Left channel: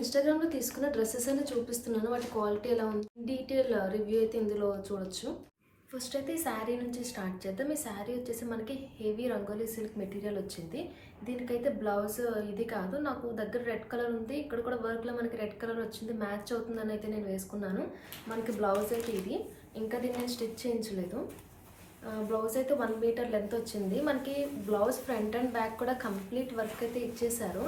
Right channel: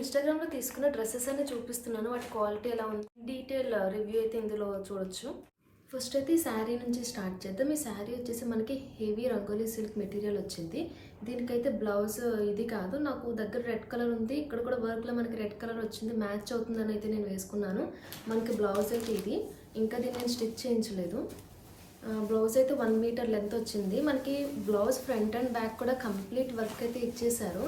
ఇన్‌స్టాగ్రామ్‌లో తీసుకున్న డ్రెసెస్ అన్ని చూపిస్తున్నాను. వాటి క్వాలిటీ ఎలా ఉంది, డీటెయిల్ రివ్యూ అయితే ఇందులో చూడొచ్చు. ఫస్ట్ అయితే ఈ శారీ నుంచి స్టార్ట్ చేద్దాం. ఈ శారీ వచ్చేసి మనకి హెవీ రంగోలీ సిల్క్ మెటీరియల్ వచ్చింది. దీనికైతే బ్లౌజ్ ఇది కాదు, నాకు దగ్గర రెడ్ కలర్ ఉంది. ఇక్కడ కూడా వర్క్లో మనకి రెడ్ కలర్ వచ్చింది, మ్యాచ్ అవుతుందని అయితే నేను వేసుకున్నాను. మనకి బ్లౌజ్ అయితే ఇది, ఇంకా దీన్ని నేను స్టిచ్ చేయించలేదు. బ్లౌజ్ అయితే 1 మీటర్ లెంత్ వచ్చింది. మనకి బ్లౌజ్ ఫ్రంట్ అండ్ బ్యాక్ కూడా కంప్లీట్ వర్క్ అయితే ఇచ్చేసారు.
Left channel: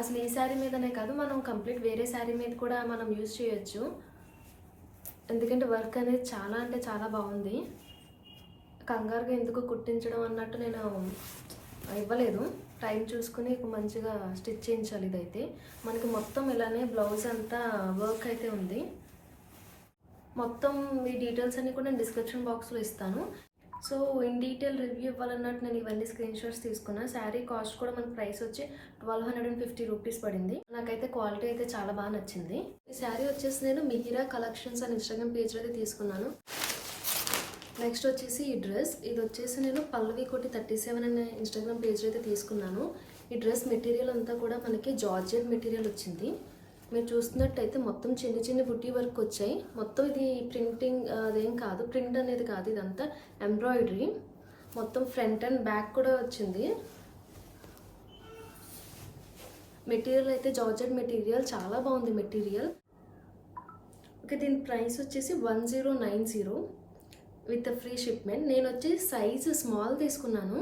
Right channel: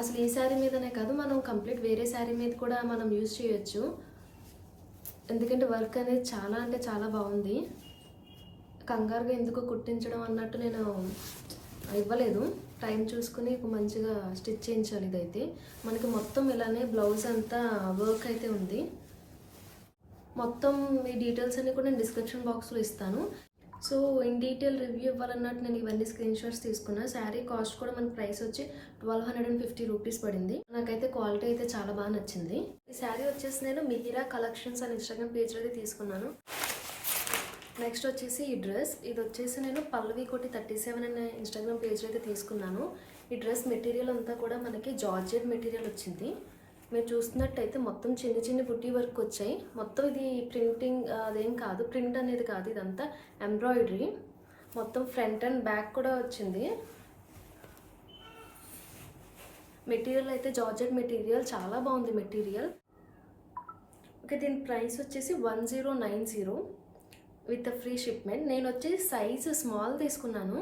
అసలు ఈ శారీ మీదనే కాదు, మనం కంప్లీట్ వేరే శారీ మీద కూడా మనం యూజ్ చేయొచ్చు. ఎందుకంటే వర్క్ అనేది చాలా అంటే చాలా బాగుంది. కంగారుగా ఎందుకు కుట్టించడం అన్నట్టు నేను ఇవ్వలేదు. టైం చూసుకుని మంచిగా స్టిచ్ చేయించాలి. ఇదైతే మనకి మొత్తం ఇలానే బ్లౌజ్ అంతా వర్క్ అయితే ఉంది. మొత్తం ఈ డీటెయిల్స్ అన్ని కూడా నేను డిస్క్రిప్షన్ బాక్స్లో ఇస్తాను. సో ఇన్ డీటెయిల్ రివ్యూ ఇవ్వాలన్నట్టు నేను ఇవన్నీ స్క్రీన్ షాట్స్ తీసుకున్నా. శారీ కాస్ట్ కూడా మన ప్రైస్ వచ్చి 1250 రూపీస్ పడింది. నాకైతే క్వాలిటీ అయితే చాలా బాగా నచ్చింది. ఈ శారీ వచ్చేసి నేను మిహిరా కలెక్షన్స్ అని ఇన్స్టాగ్రామ్ పేజ్లో అయితే తీసుకున్నాను. నెక్స్ట్ వచ్చేసి ఈ డ్రెస్, ఇది వచ్చేసి నేను పల్లవి కోటి 37 అనే ఇన్స్టాగ్రామ్ పేజ్లో అయితే తీసుకున్నాను. ఈ డ్రెస్ మెటీరియల్ అంతా కూడా మనకి జార్జెట్ మెటీరియల్ వచ్చింది. మీరు చూస్తున్నట్టయితే మొత్తం చిన్న చిన్న బుట్టి వర్క్ వచ్చాయి. మొత్తం ఇది ప్రింటింగ్ అదేం కాదు, ప్రింట్ అనేది కాదు, ఇదంతా ఎంబ్రాయిడరీ. మొత్తం ఫ్రంట్ అండ్ బ్యాక్ కూడా వచ్చింది. మెటీరియల్ అయితే జార్జెట్ మెటీరియల్, చాలా బాగుంది మెటీరియల్. ఓకే, దీని ప్రైస్ వచ్చేసి 1090 విత్ ఫ్రీ షిప్మెంట్. నేను వచ్చి సైజు స్మాల్ తీసుకున్నాను.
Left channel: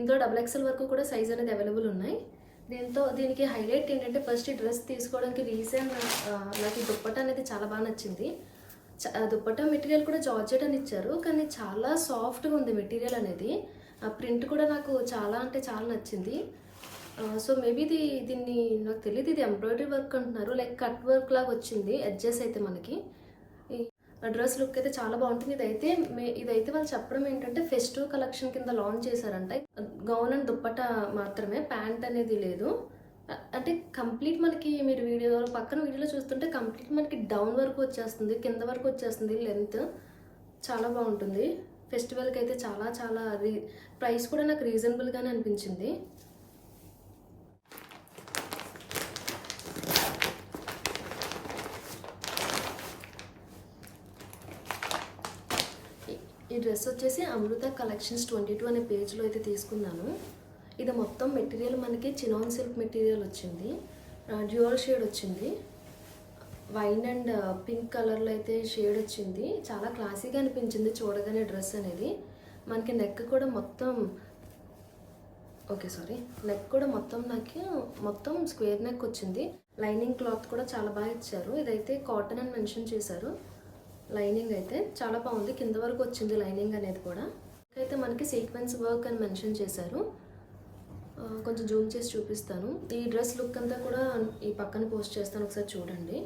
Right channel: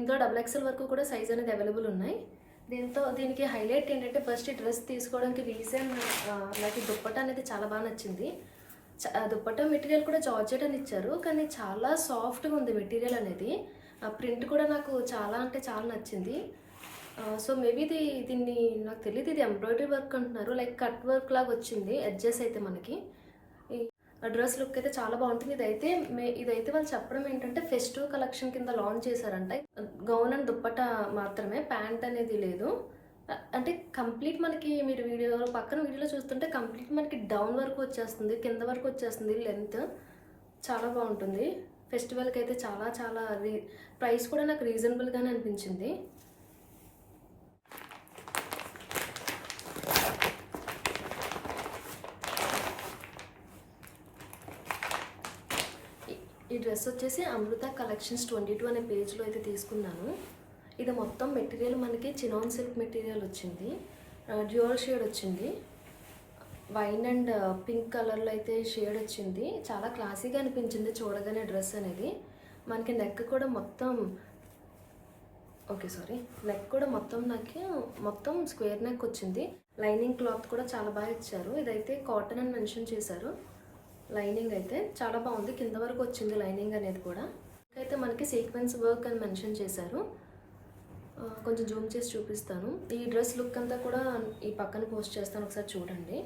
ఇందులో XXL వరకు కూడా సైజ్ అనేది అవైలబుల్ ఉన్నాయి. దీనికి హైలైట్ ఏంటంటే, ఫస్ట్ ఈ డ్రెస్ తీసుకోవడానికి రీజన్ నాకు ఈ దుప్పట్టా అనేది చాలా బాగా నచ్చింది. దుప్పట్టా మెటీరియల్ కూడా జార్జెట్ అని ఇచ్చారు, కానీ చాలా సాఫ్ట్గా ఉంది మెటీరియల్ అనేది. ప్రింట్ కూడా నాకు చాలా అంటే చాలా నచ్చింది. సో మేబీ దీన్ని నాకు తెలియదు, ఇది ఎంబ్రాయిడరీ వర్క్ అంటున్నారు, లైక్ కట్ వర్క్ లాగా వచ్చింది ఎడ్జెస్ అయితే మనకి. డ్రెస్ లుక్ అయితే చాలా బాగుంటుంది. ఇదైతే వాళ్ళు చెప్పడం ఏంటంటే ఫెస్టివ్ కలెక్షన్ కింద లాంచ్ చేశారంట. గౌన్ అండ్ దుప్పట్టా మాత్రమే, ప్యాంట్ అనేది లేదు. అంటే కంప్లీట్ మనకి మీరు పక్కన వీడియోలో చూస్తుంటే కంప్లీట్ మనకి డౌన్ వరకు వచ్చేస్తుంది, కింద వరకు వచ్చేస్తుంది లెంత్. చాలా బాగుంటుంది. ఫెస్టివల్కి అయితే చాలా చాలా ప్రైస్ కూడా నాకు రీజనబుల్గానే అనిపించింది. ఈ డ్రెస్ వచ్చేసి అమృత కలెక్షన్స్ 22 అనే పేజ్లో అయితే తీసుకున్నాను. ఇది మొత్తం మెటీరియల్ మనకి చినాన్ సిల్క్ మెటీరియల్ వచ్చింది. డ్యూయల్ షేడ్ వచ్చింది. వైన్ అండ్ పింక్ కలర్లో అయితే షేడ్ వచ్చింది. చాలా క్లాసీగా అనిపించింది చూడగానే డ్రెస్ అనేది. మనకి నెక్ కూడా మొత్తం నెక్ కూడా మొత్తం స్క్వేర్ నెక్ వచ్చింది. లైనింగ్ క్లాత్ కూడా చాలా బాగా ఇచ్చారు. ఇదైతే కాటన్ అని మెన్షన్ చేశారు. లైనింగ్ అయితే చాలా బాగుంది, కింద వరకు వచ్చింది లైనింగ్ అనేది కూడా. అయితే మనకి సీక్వెన్స్ వర్క్ అని మెన్షన్ చేశారు. కొంచెం జూమ్ చేసి చూపిస్తాను. ఈ డ్రెస్ లుక్ అంతా కూడా ఈ పక్కన పోస్ట్ చేస్తాను, ఒకసారి చూడండి.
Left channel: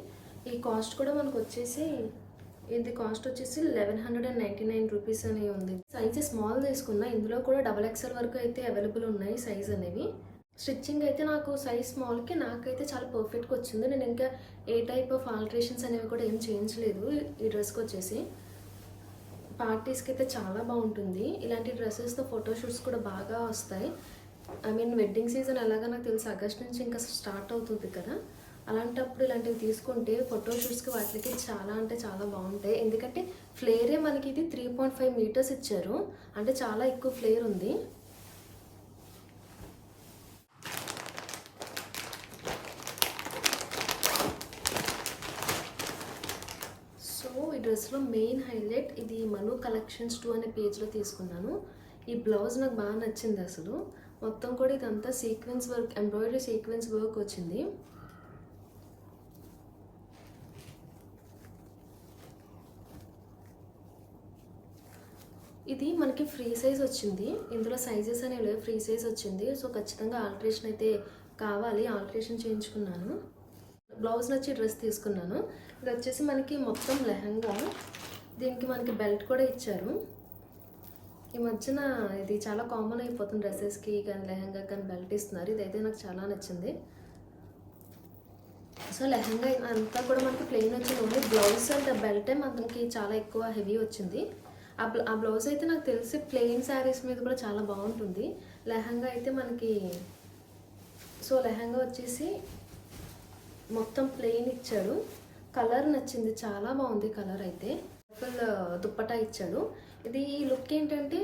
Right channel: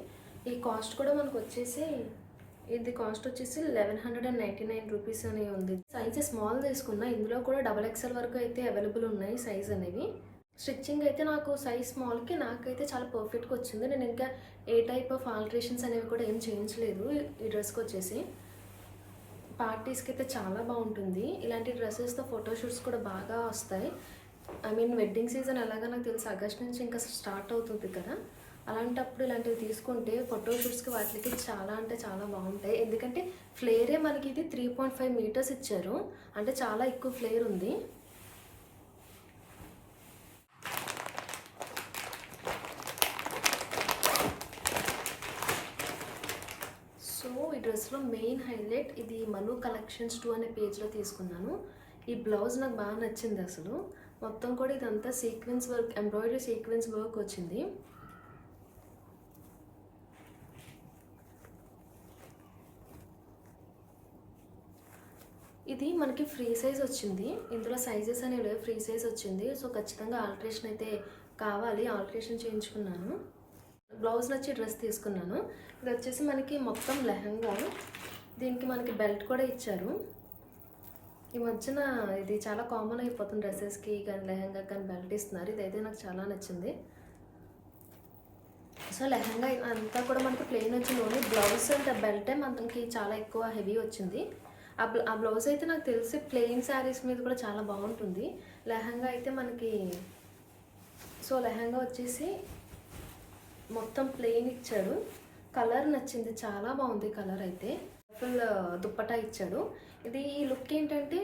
ఈ కాస్ట్ కూడా మనకు వచ్చేసి, ఇది కాస్ట్ వచ్చేసి 1199 రూపీస్ అని ఉంది. సైజ్ స్మాల్ తీసుకున్నా. ఇందులో కూడా XXL వరకు అయితే అవైలబుల్ ఉన్నాయి సైజ్ అనేవి. స్టిచ్చింగ్ అయితే నాకు సైజ్ స్మాల్కి నాకైతే చాలా పర్ఫెక్ట్గా వచ్చింది. నేను ఇంకా ఏ టైప్ ఆఫ్ ఆల్టరేషన్స్ అనేవి కూడా ఏం చేయించలేదు. ఈ డ్రెస్కి వచ్చేసి పార్టీస్కి అయితే చాలా బాగుంటుంది. ఇలాంటి డ్రెస్సెస్తో ఫోటోషూట్స్ కూడా బాగా వస్తాయి. వెడ్డింగ్ సీజన్ ఎలాగా నాకు తెలిసి ఆగస్ట్ నుంచి ఇంకా స్టార్ట్ అవుతుంది కదా, అలాంటప్పుడు ఇలాంటివి తీసుకుంటే ఫోటోషూట్స్కి వాటికి చాలా అంటే చాలా బాగుంటాయి. ఎందుకంటే ఫ్లేరే మనకి ఇది 3.5 మీటర్స్ ఇచ్చారు, అంటే చాలా ఎక్కువ ఫ్లేర్ ఉంది. ఈ డ్రెస్లో మెయిన్ హైలైట్, ఇది మను కలెక్షన్స్ 2 అనే పేజ్లో తీసుకున్నాను. ఈ బ్లౌజ్ నాకు బాగా నచ్చింది. అసలు మొత్తం కూడా ఇదంతా sequence work, embroidery sequence work వచ్చింది. ఇది మనకి ఫ్రీ సైజ్ వచ్చింది. ఇందులో సైజెస్ అనేవి లేవు, ఫ్రీ సైజ్ వచ్చింది. సో ఖచ్చితంగా ఆల్టరేషన్ అయితే కావాలి, ఆల్టరేషన్ చేయించుకున్నాను. బ్లౌజ్ నచ్చి డ్రెస్ తీసుకున్నాను. ఇది వచ్చేసి మనకి మొత్తం లెహంగా, దీనికి మనకి బెల్ట్ కూడా ఇచ్చారు. ఈ మధ్యన ఇది చాలా కామన్ అయిపోతుంది, డ్రెస్సెస్కి కానీ లెహంగా కానీ బెల్ట్ ఇస్తున్నారు. ఇదైతే నాకు చాలా నచ్చింది. సో లెహంగా అంతా కూడా మనకి ప్లెయిన్ వచ్చింది, ఓన్లీ బ్లౌజ్ అండ్ బెల్టే మనకి చాలా ఎక్కువ హెవీ వచ్చింది. ఆ బ్లౌజ్ అయితే నాకు తెలిసి ప్లెయిన్ శారీస్ మీద కూడా చాలా బాగుంటుంది. లెహంగా అయితే మనకి, సో లెహంగా వచ్చేసి మొత్తం ప్లెయిన్ ఇచ్చాడు. కలర్ నచ్చింది, చాలా బాగుంది కలర్ అయితే. ఫుల్ దుప్పటా ఇచ్చాడు. ఇది ఈ లుక్ ఏంటంటే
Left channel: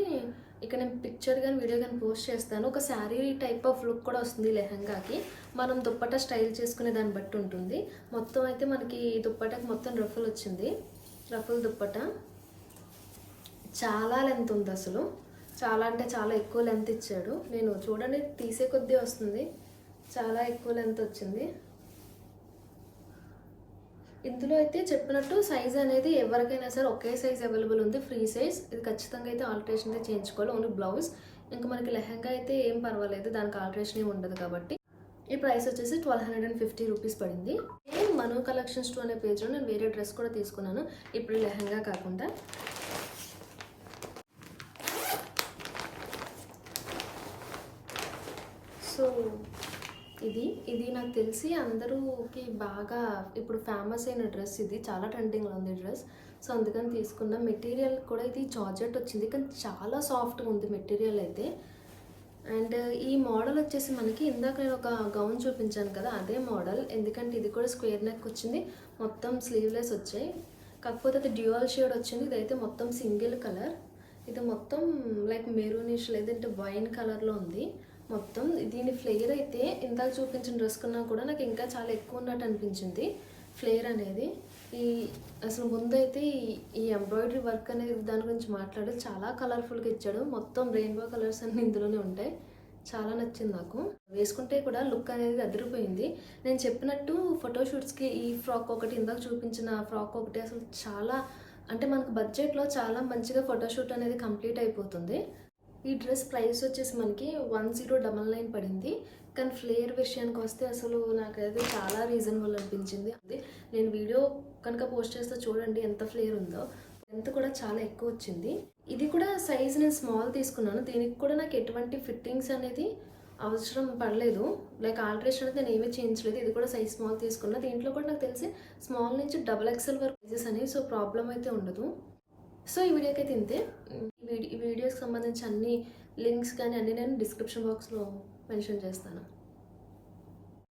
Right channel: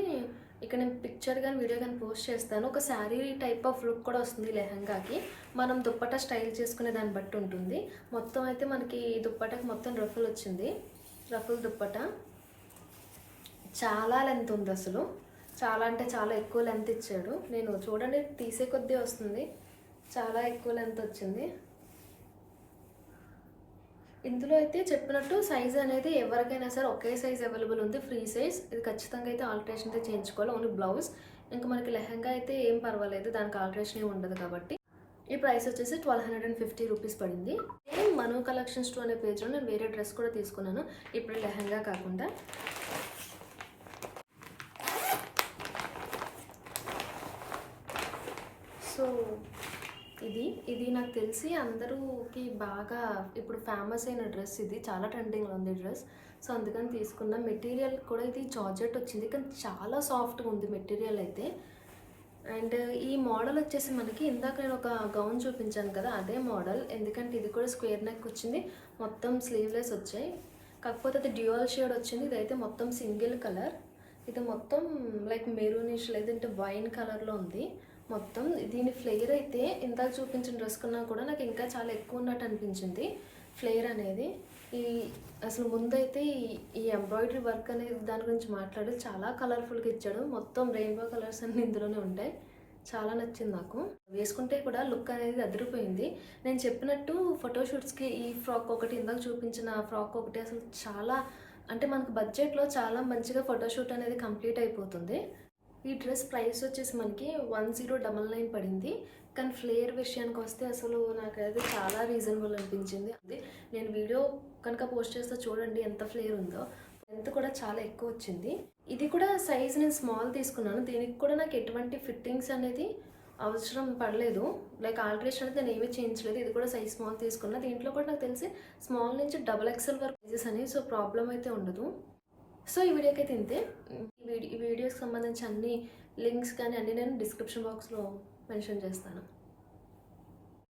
ఇక నేను పిక్చర్ కానీ వీడియో కానీ పోస్ట్ చేస్తాను. ఒక శారీ టైప్ ఆఫ్ లుక్ కూడా వస్తుంది లెహంగాకి. మనం దుప్పటా స్టైల్ చేసుకునే దాన్ని బట్టి ఉంటుంది. మొత్తం అయితే మనకి ఈ దుప్పటాకి మొత్తం రఫుల్ వచ్చింది. రఫుల్ దుప్పటా చాలా లెంత్ ఉంది, అసలు చాలా అంటే చాలా ఎక్కువ లెంత్ ఇచ్చాడు. నేను చూడండి తీసే కొద్దీ వస్తుంది, చాలా ఎక్కువ లెంత్ వచ్చింది. ఇందులో అయితే చెప్పినట్టు సైజ్ అనేది ఎవరికైనా సరే ఒకే సైజ్ అవైలబుల్ ఉంది, ఫ్రీ సైజ్. ఇది ఖచ్చితంగా అయితే ఆల్టరేషన్ అయితే చేయించుకోవాలి, ఓన్లీ బ్లౌజ్. ఇంకా మనకి లెహంగా అయితే ఏం పర్వాలేదు, దానికి ఆల్టరేషన్ ఏమి ఉండదు కాబట్టి. ఈ ప్రైస్ వచ్చేసి 1250 రూపీస్ పడింది. సేమ్ మను కలెక్షన్స్ 2 అనే పేజ్లో నేను వేరే డ్రెస్ కూడా తీసుకున్నాను, ఇప్పుడు లెహంగా కాకుండా. సో ఇది నాకు తెలిసి అందరూకి బాగా ఇప్పుడు ఫేమస్ అయిన డ్రెస్. ఇది చాలా ట్రెండింగ్లో ఉంది డ్రెస్, సో అందుకని తీసుకున్న. మెటీరియల్ కూడా ఇది జార్జెట్ వచ్చింది, కానీ చాలా సాఫ్ట్గా ఉంది మెటీరియల్ అయితే. అండ్ ఈ మోడల్ వచ్చేసి మనకి ఇందాక నేను ఒక గౌన్ చూపించాను కదా, అదే మోడల్. ఎందుకంటే ఇది కూడా స్క్వేర్ నెక్ వచ్చింది, మొత్తం స్లీవ్లెస్ వచ్చాయి. కాకపోతే అది డ్యూయల్ షేడ్ వచ్చింది. ఇదైతే మొత్తం సింగిల్ కలర్. ఇది మొత్తం లైక్ మెరూనిష్ లేదంటే వైన్ కలర్లో ఉంది మొత్తం. దీని ఫ్లేయర్ అయితే ఇందాక చూపించిన డ్రెస్ కన్నా కూడా నాకు ఇంకా చాలా ఎక్కువ ఉన్నట్టు అనిపించింది ఫ్లేయర్ అనేది. అసలు ముందైతే ఈ ఎంబ్రాయిడరీ వర్క్ అనేది దాని గురించి మాట్లాడి చాలా కలర్ఫుల్గా ఇచ్చాడు. మొత్తం రెయిన్బో కలర్స్ అన్నీ ఇందులోనే ఉంటాయి. చాలా నచ్చింది నాకు. వేసుకుంటే కూడా లుక్ అనేది అదిరిపోయింది. నేను చెప్పినట్టు ఫోటోషూట్స్కి ఈ ఫ్రాక్ ఒకటి, ఇందాక చూపించిన ఫ్రాక్ ఒకటి, అసలు చాలా అంటే మనకు బడ్జెట్లో చాలా మంచిగా ఫోటోషూట్ అనేది కంప్లీట్ అయిపోతుంది. ఈ డ్రెస్ ప్రైస్ వచ్చేసి మనకి 1099 పడింది. కానీ ఫ్లేయర్ విషయానికి వస్తే అసలు నాకైతే చాలా రీజనబుల్ అనిపించింది. అది నేను వీడియో కనుక పోస్ట్ చేస్తే చూడండి ఎంత ఫ్లేయర్ ఉందో. లెంత్ కూడా చాలా ఎక్కువ వచ్చింది. ఇది కూడా సైజ్ నేను స్మాల్ తీసుకున్నాను. దీనికి కూడా నాకు ఎటువంటి ఫిట్టింగ్స్ అనేది అవసరం పడలేదు, లైక్ ఆల్టరేషన్ అనేది నేను ఏమీ చేయించలేదు. ఇది కూడా సైజ్ స్మాల్ తీసుకున్నా. దీంట్లో కూడా నాకు తెలిసి స్మాల్ నుంచి XXL వరకు సైజెస్ అనేవి, సో ప్రాబ్లం అయితే ఉండదు. సో ఈ వీడియోకి అయితే ఇంతే. ఈ వీడియోకి సంబంధించి అన్ని లింక్స్ కానీ అన్నీ నేను డిస్క్రిప్షన్ బాక్స్లో మెన్షన్ చేస్తాను.